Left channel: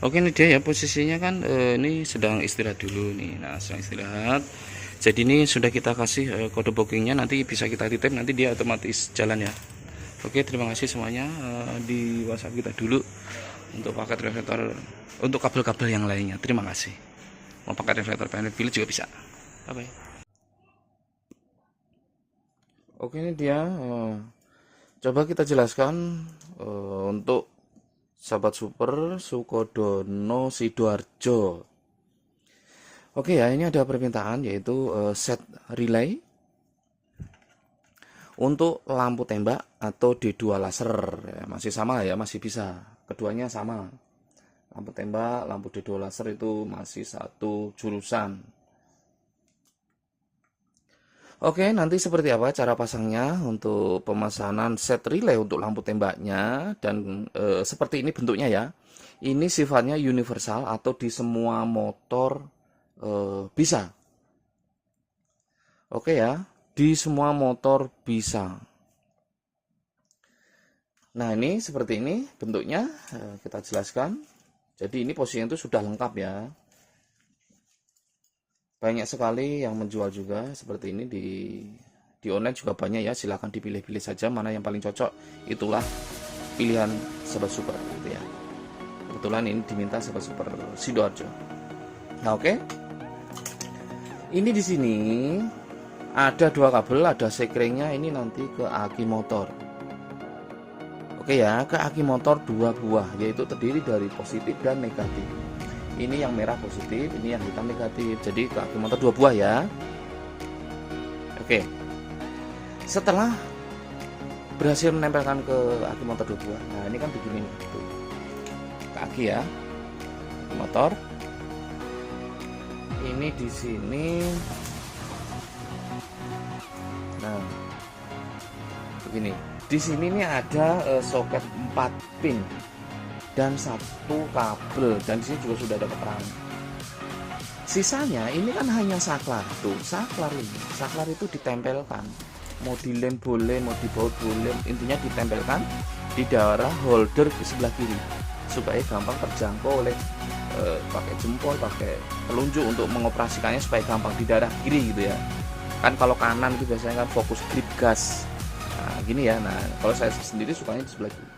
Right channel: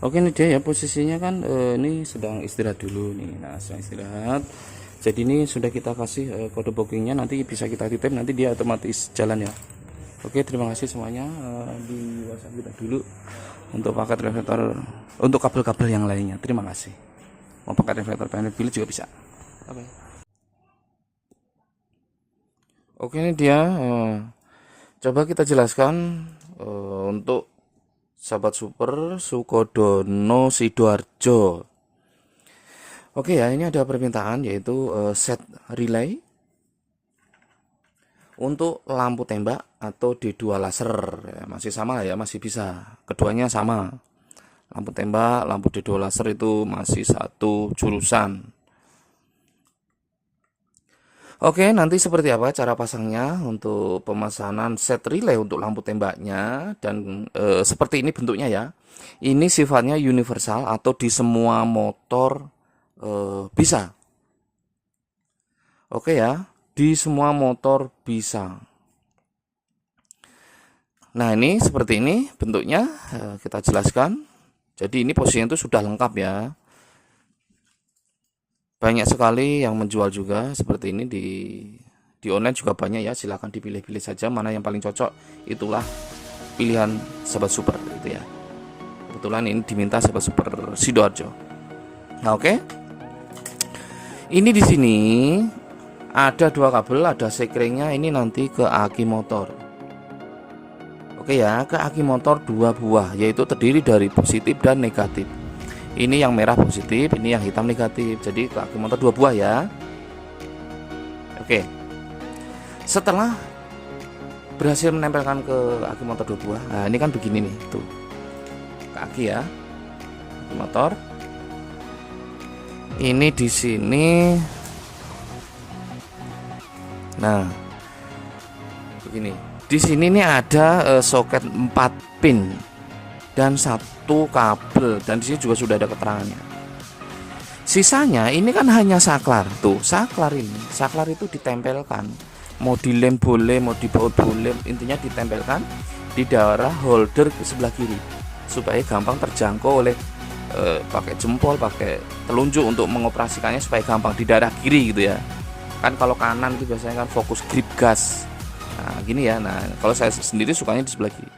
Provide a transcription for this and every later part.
Oke, ini dia ya posisinya kan, ini sedang istirahat dulu nih. Nah, sedang istirahat. Jadi ini sudah kita kasih kode bookingnya, nanti bisa kita titip, nanti dia otomatis jalan ya. Oke, terima kasih semuanya. Di WhatsApp kita dulu untuk paket reflektor, untuk kabel-kabel yang lainnya. Terima kasih. Mau paket reflektor panel bilik juga bisa. Bye bye. Oke, ini dia. Coba kita jelaskan untuk sahabat super Sukodono Sidoarjo. Oke ya, ini ada permintaan yaitu set relay untuk lampu tembak atau D2 laser ya, masih sama ya, masih bisa, keduanya sama, lampu tembak, lampu D2 laser itu masih satu jurusan. Oke, nanti seperti apa cara pasangnya untuk pemesanan set relay untuk lampu tembaknya, dan seperti ini bentuknya ya. Ini sifatnya universal atau di semua motor bisa. Oke ya, di semua motor bisa. Nah, ini seperti ini bentuknya, kita jelaskan. Jadi ini posisinya itu sudah lengkap ya. Banyak sekali yang menjual juga seperti ini di online juga banyak ya. Silahkan dipilih-pilih saja mana yang paling cocok, itulah pilihan sahabat super gitu ya. Kebetulan ini diminta sahabat super Sidoarjo. Nah, oke. Ini di sini ada dua kabel, ada sekringnya, ini nanti ke aki motor. Oke ya, ke aki motor 2 buah, yaitu terdiri dari positif dan negatif. Ini yang merah positif, ini yang hitam negatif. Jadi ke aki motor 2 buah ya. Oke. Setelah berhasil menempelkan ke aki motor 2 buah, nah ini kan begini nih, tuh. Ke aki ya. Aki motor. Ini di sini. Nah, begini. Di sini nih ada soket 4 pin dan 1 kabel, dan di sini juga sudah ada keterangannya. Sisanya ini kan hanya saklar. Tuh, saklar ini. Saklar itu ditempelkan. Mau dilem boleh, mau dibaut boleh, intinya ditempelkan di daerah holder ke sebelah kiri supaya gampang terjangkau oleh pakai jempol, pakai telunjuk untuk mengoperasikannya supaya gampang di daerah kiri gitu ya. Kan kalau kanan itu biasanya kan fokus grip gas. Nah, gini ya. Nah, kalau saya sendiri sukanya di sebelah kiri.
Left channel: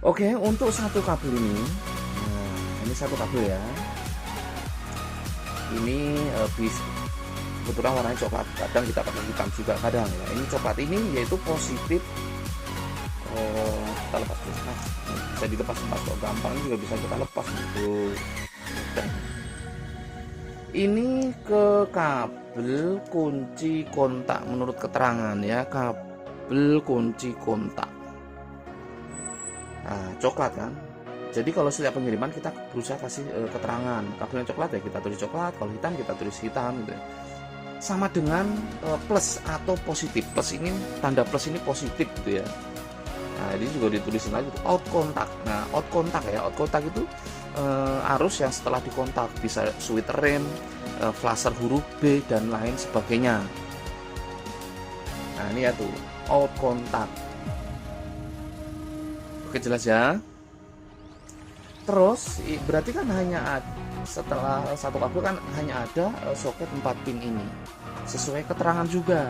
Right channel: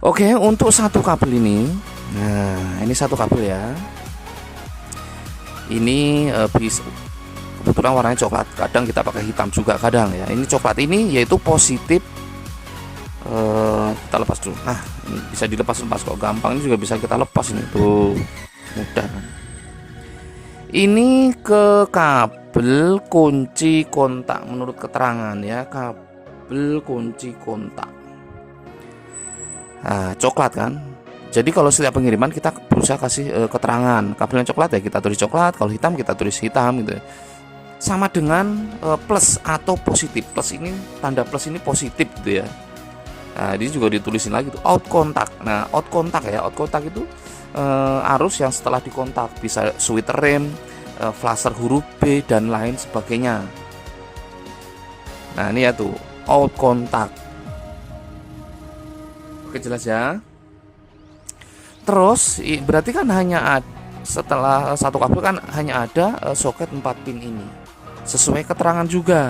Oke, untuk satu kabel ini. Nah, ini satu kabel ya. Ini bisa kebetulan warnanya coklat. Kadang kita pakai hitam juga kadang ya. Ini coklat ini yaitu positif. Kita lepas dulu. Nah, ini bisa dilepas-lepas kok, gampang. Ini juga bisa kita lepas ini tuh. Mudah. Ini ke kabel kunci kontak menurut keterangan ya, kabel kunci kontak. Nah, coklat kan. Jadi kalau setiap pengiriman kita berusaha kasih keterangan. Kabel yang coklat ya kita tulis coklat, kalau hitam kita tulis hitam gitu. Sama dengan plus atau positif. Plus ini tanda plus ini positif gitu ya. Nah, ini juga ditulisin lagi tuh out kontak. Nah, out kontak ya, out kontak itu arus yang setelah dikontak, bisa switch rem, flasher huruf B dan lain sebagainya. Nah, ini ya tuh out kontak. Oke, jelas ya. Terus berarti kan hanya setelah satu kabel kan hanya ada soket 4 pin ini. Sesuai keterangan juga.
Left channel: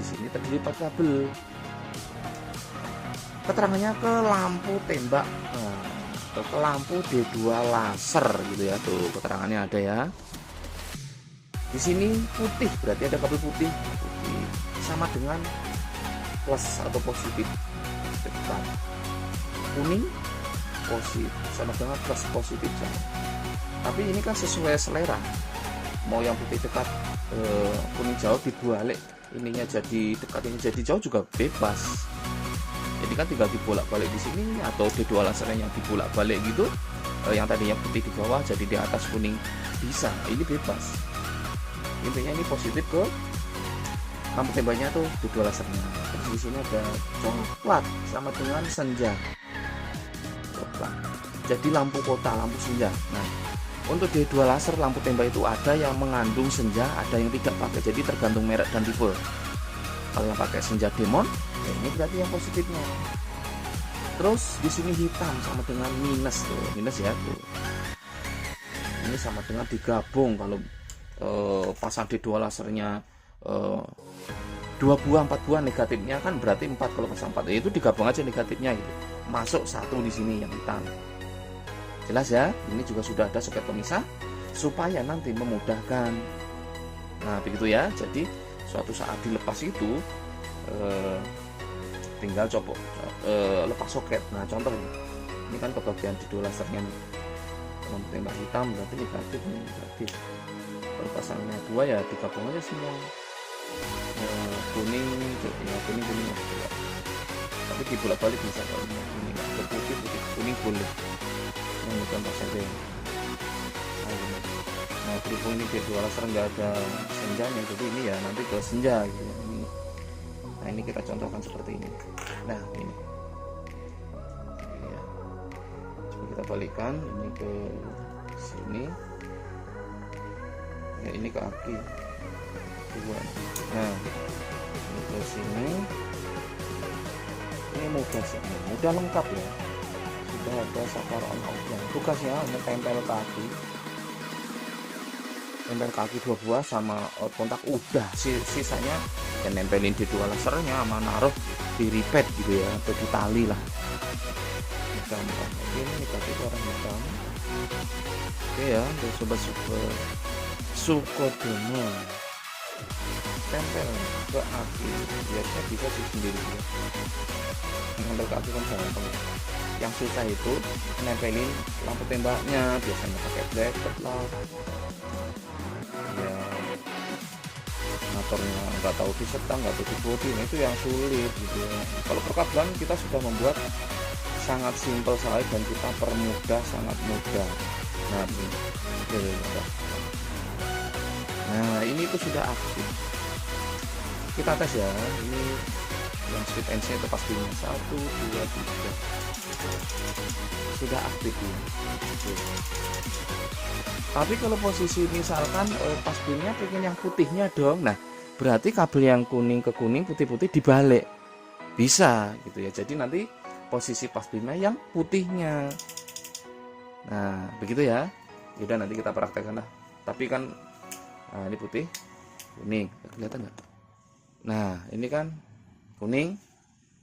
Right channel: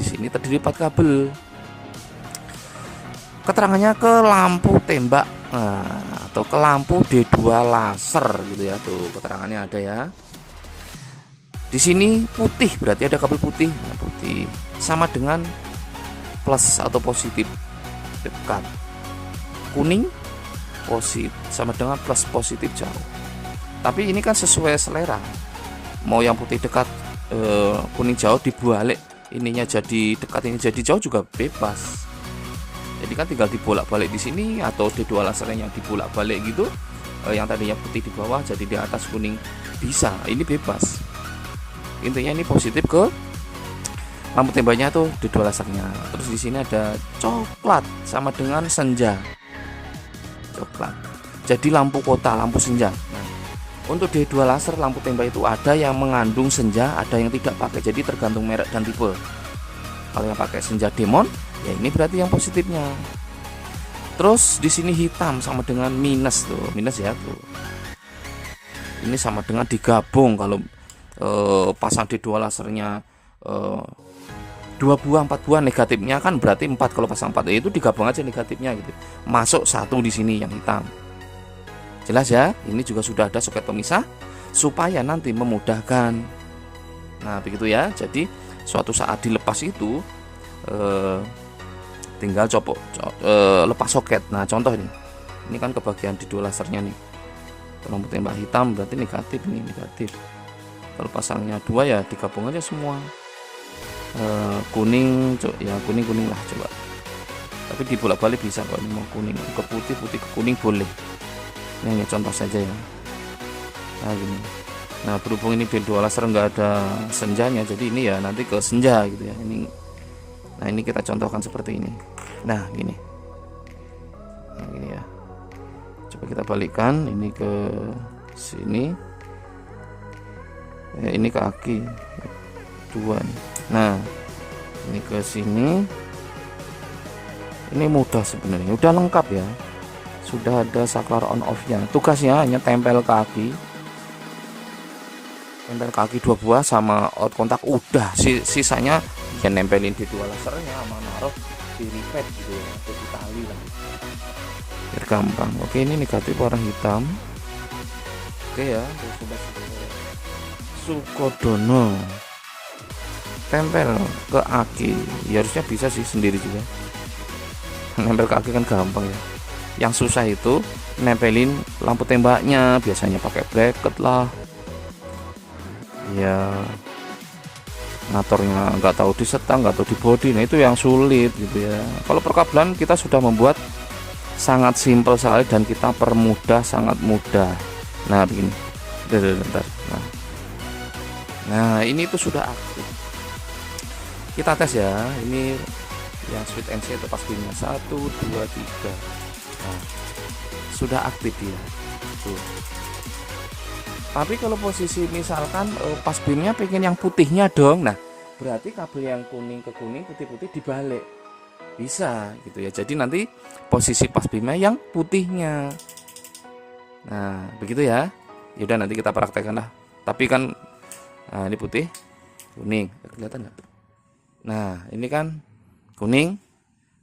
Di sini terdiri 4 kabel. Keterangannya ke lampu tembak, atau ke lampu D2 laser gitu ya. Tuh keterangannya ada ya. Di sini putih, berarti ada kabel putih. Putih sama dengan plus atau positif dekat. Kuning positif sama dengan plus positif jauh. Tapi ini kan sesuai selera. Mau yang putih dekat, kuning jauh dibalik, ininya jadi dekat, ini jadi jauh juga bebas. Jadi kan tinggal dibolak-balik di sini, atau D2 laser yang dibolak-balik gitu. Yang tadinya putih di bawah jadi di atas kuning bisa. Ini bebas. Intinya ini positif ke lampu tembaknya tuh D2 lasernya. Terus di sini ada coklat sama dengan senja. Coklat. Jadi lampu kota, lampu senja. Nah, untuk D2 laser lampu tembak itu ada yang mengandung senja, ada yang tidak pakai. Jadi tergantung merek dan tipe. Kalau yang pakai senja demon, ya ini berarti yang positifnya. Terus di sini hitam sama dengan minus tuh, minus ya tuh. Ini sama dengan digabung kalau pasang di dua lasernya 2 buah 4 buah negatifnya kan berarti 4, kalau pasang 4 itu digabung aja negatifnya gitu. Masuk 1 di sini yang hitam. Jelas ya? Ini juga sudah ada soket pemisah supaya nanti memudahkan. Nah, begitu ya. Jadi suatu saat dilepas itu tinggal lepas soket. Nah, contoh ini. Ini kan kebagian di dua lasernya nih. Kalau tembak hitam berarti negatif, ini negatif. Kalau pasangnya 2 ya digabung aja semua. Kuning, ya kuning lah coba. Tapi dibolak-balik bisa, kalau mau kuning ke putih, putih ke kuning boleh. Ini contoh saja ya. Nah gini. Nah berhubung ini dua laser nggak ada senjanya, jadi ini ya nanti ke senja gitu ya. Nah ini kita contohkan seperti ini. Nah gini. Nah, gini ya. Coba kita balikkan ini ke sini. Ya, ini ke kaki 2. Nah ini ke sini. Ini mudah sebenarnya, udah lengkap ya. Sudah ada saklar on off nya. Tugasnya hanya tempel kaki 2 buah sama out kontak, udah. Sisanya ya nempelin di dua lasernya sama naruh di ripet gitu ya, atau di tali lah, biar gampang. Oke, ini negatif warna hitam. Oke ya, udah coba Sukodono tempel ke aki ya, harusnya bisa sih sendiri juga. Nempel ke aki kan gampang ya. Yang susah itu nempelin lampu tembaknya, biasanya pakai bracket lah ya, ngaturnya nggak tahu di setang, nggak tahu di body. Nah itu yang sulit gitu ya. Kalau perkabelan kita sudah membuat sangat simpel sekali dan kita permudah, sangat mudah. Nah begini, bentar. Nah ini itu sudah aktif, kita tes ya. Ini yang switch NC itu pas bunyi 1 2 3. Nah, sudah aktif ya tuh. Tapi kalau posisi misalkan pas beamnya pengen yang putihnya dong, nah berarti kabel yang kuning ke kuning, putih-putih dibalik, bisa gitu ya. Jadi nanti posisi pas beamnya yang putihnya. Nah begitu ya. Yaudah nanti kita praktekkan lah. Tapi kan nah ini putih kuning, kelihatan nggak? Nah ini kan kuning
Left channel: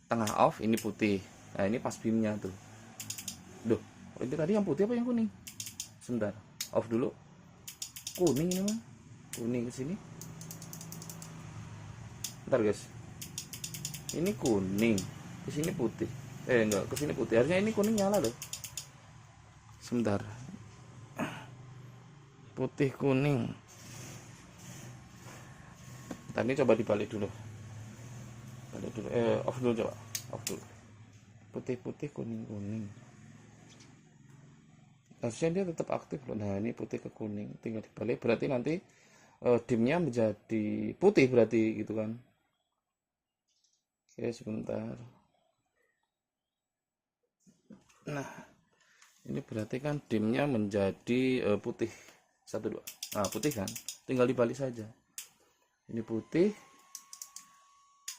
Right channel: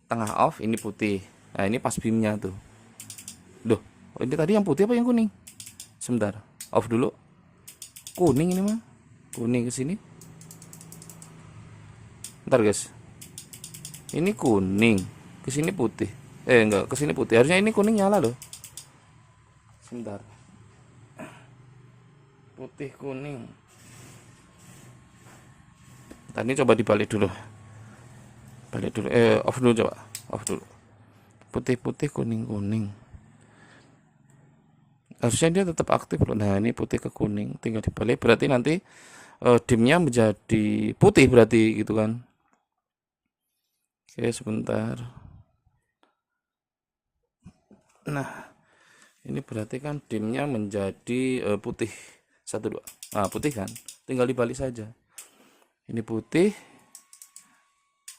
tengah off, ini putih. Nah ini pas beamnya tuh. Duh, ini tadi yang putih apa yang kuning? Sebentar, off dulu. Kuning ini mah, kuning ke sini. Bentar guys, ini kuning ke sini putih. Enggak, ke sini putih. Harusnya ini kuning nyala loh. Sebentar, putih kuning. Tadi coba dibalik dulu. Balik dulu. Off dulu coba. Off dulu. Putih-putih kuning-kuning. Harusnya dia tetap aktif loh. Nah, ini putih ke kuning, tinggal dibalik. Berarti nanti dimnya menjadi putih berarti gitu kan. Oke, sebentar. Nah, ini berarti kan dimnya menjadi putih. 1 2. Nah, putih kan. Tinggal dibalik saja. Ini putih,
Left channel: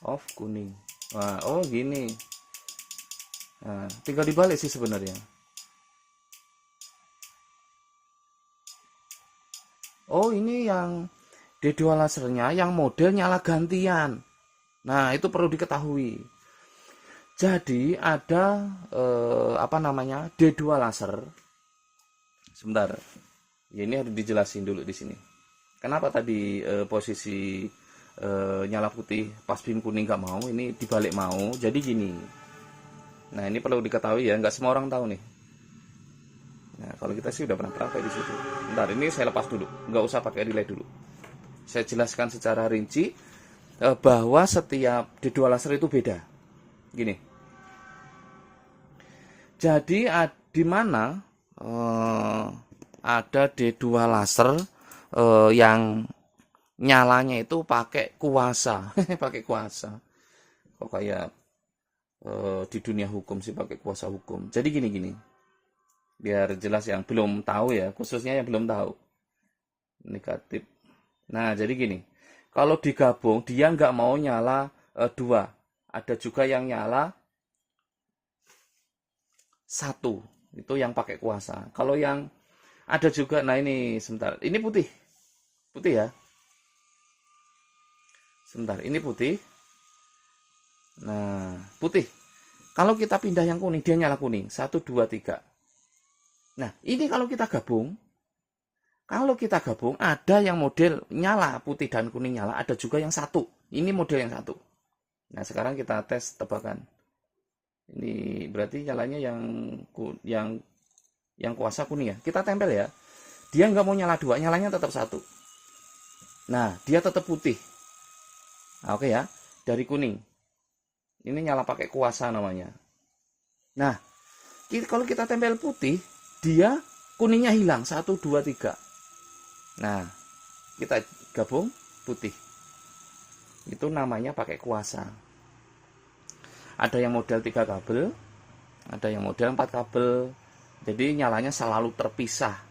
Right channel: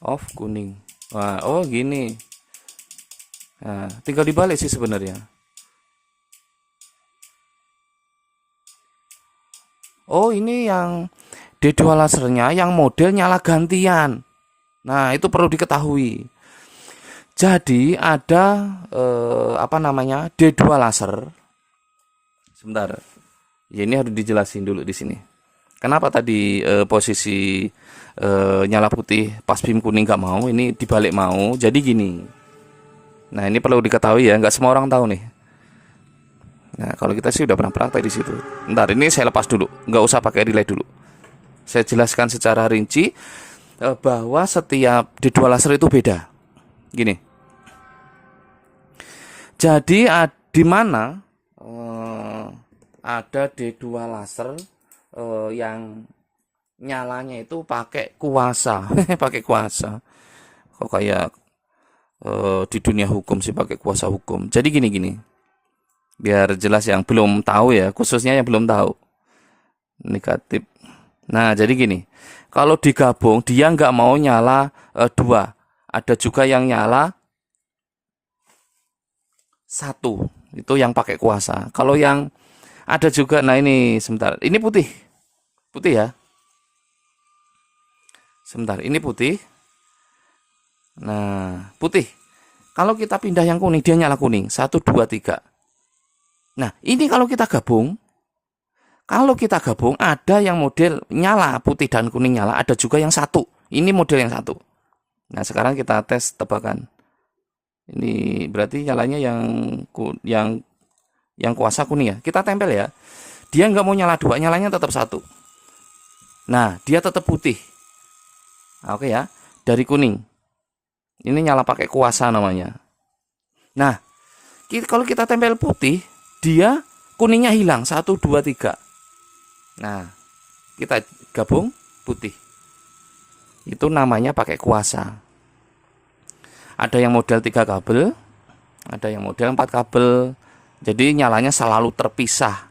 off kuning. Nah, oh gini. Nah, tinggal dibalik sih sebenarnya. Oh, ini yang D2 lasernya yang model nyala gantian. Nah, itu perlu diketahui. Jadi ada apa namanya? D2 laser. Sebentar. Ya, ini harus dijelasin dulu di sini. Kenapa tadi posisi nyala putih pas beam kuning nggak mau, ini dibalik mau. Jadi gini. Nah ini perlu diketahui ya, nggak semua orang tahu nih. Nah kalau kita sih udah pernah praktek di situ. Ntar ini saya lepas dulu, nggak usah pakai relay dulu. Saya jelaskan secara rinci bahwa setiap D2 laser itu beda. Gini. Jadi di mana ada D2 laser yang nyalanya itu pakai kuasa. Pakai kuasa. Kok kayak di dunia hukum sih pakai kuasa hukum. Jadi gini. Biar jelas yang belum tahu ya, khususnya yang belum tahu. Negatif. Nah, jadi gini. Kalau digabung dia nggak mau nyala 2. Ada juga yang nyala satu. Itu yang pakai kuasa. Kalau yang ada juga, nah ini sebentar, ini putih, putih ya. Sebentar, ini putih. Nah, putih. Kalau kita pindah yang kuning, dia nyala kuning. 1, 2, 3. Nah, ini kalau kita gabung, ada yang model nyala putih dan kuning nyala, ada juga yang satu. Ini model yang satu. Nah, sekarang kita tes tebakan. Ini berarti nyalanya yang kuasa kuning ya. Kita tempel ya. Dia nggak mau nyala dua, nyalanya tetap satu. Nah, dia tetap putih. Nah, oke ya. Dari kuning. Ini nyala pakai kuasa namanya. Nah, kalau kita tempel putih, dia kuningnya hilang. 1, 2, 3. Nah, kita gabung putih. Itu namanya pakai kuasa. Ada yang model 3 kabel, ada yang model 4 kabel. Jadi nyalanya selalu terpisah.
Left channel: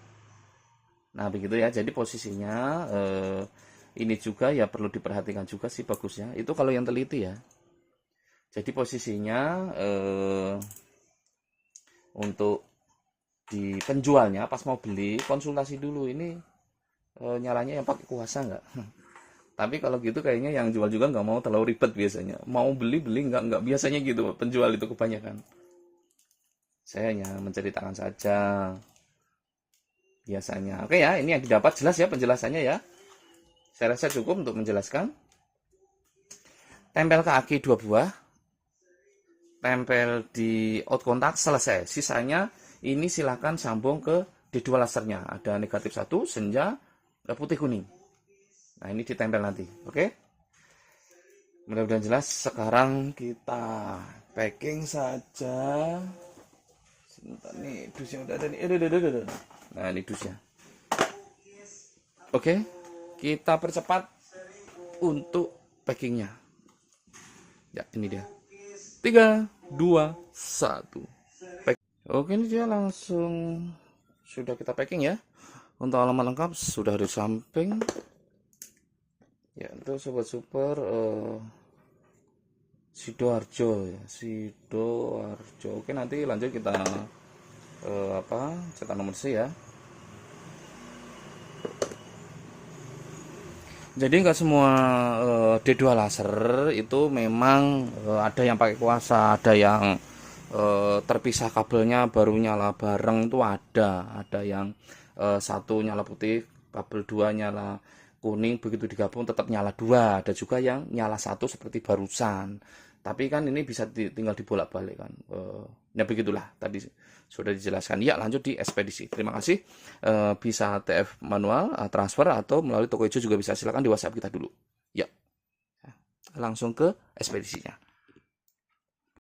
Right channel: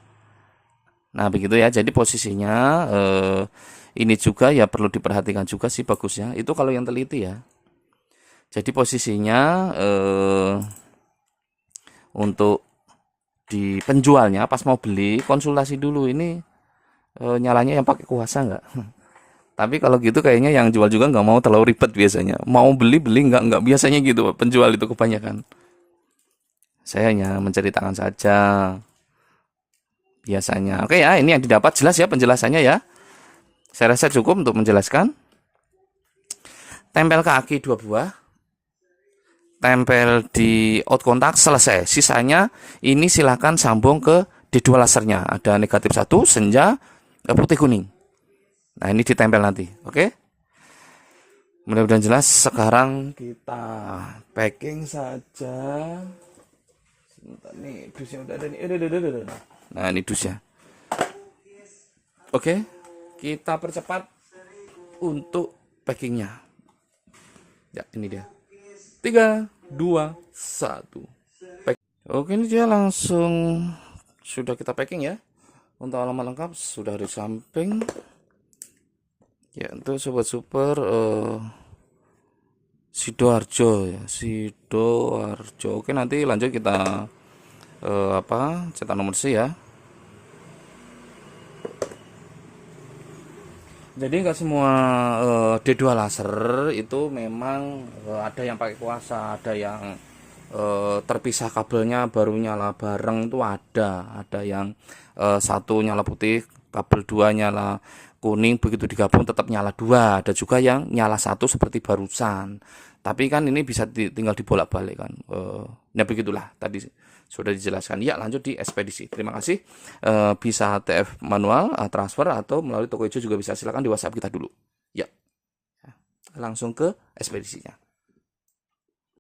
Nah, begitu ya. Jadi posisinya ini juga ya perlu diperhatikan juga sih bagusnya. Itu kalau yang teliti ya. Jadi posisinya untuk di penjualnya pas mau beli konsultasi dulu ini nyalanya yang pakai kuasa nggak. Tapi kalau gitu kayaknya yang jual juga nggak mau terlalu ribet biasanya. Mau beli nggak biasanya gitu penjual itu kebanyakan. Saya hanya menceritakan saja biasanya. Oke ya, ini yang didapat jelas ya penjelasannya ya. Saya rasa cukup untuk menjelaskan. Tempel ke aki 2 buah. Tempel di out kontak selesai. Sisanya ini silahkan sambung ke D2 lasernya. Ada negatif 1, senja, putih kuning. Nah, ini ditempel nanti. Oke. Mudah-mudahan jelas. Sekarang kita packing saja. Sebentar nih, dusnya udah ada nih. Nah, ini dusnya. Oke. Kita percepat untuk packingnya. Ya, ini dia. 3, 2, 1. Oke, ini dia langsung sudah kita packing ya. Untuk alamat lengkap sudah di samping. Ya, untuk sobat super Sidoarjo ya, Sidoarjo. Oke, nanti lanjut kita cetak nomor C ya. Jadi nggak semua D2 laser itu memang ada yang pakai kuasa, ada yang terpisah kabelnya baru nyala bareng itu ada yang satu nyala putih, kabel 2 nyala kuning, begitu digabung tetap nyala 2. Ada juga yang nyala 1 seperti barusan. Tapi kan ini bisa tinggal dibolak-balik kan. Ya begitulah tadi sudah dijelaskan. Ya, lanjut di ekspedisi. Terima kasih. Bisa TF manual, transfer atau melalui toko hijau juga bisa. Silakan di WhatsApp kita dulu. Ya. Langsung ke ekspedisinya.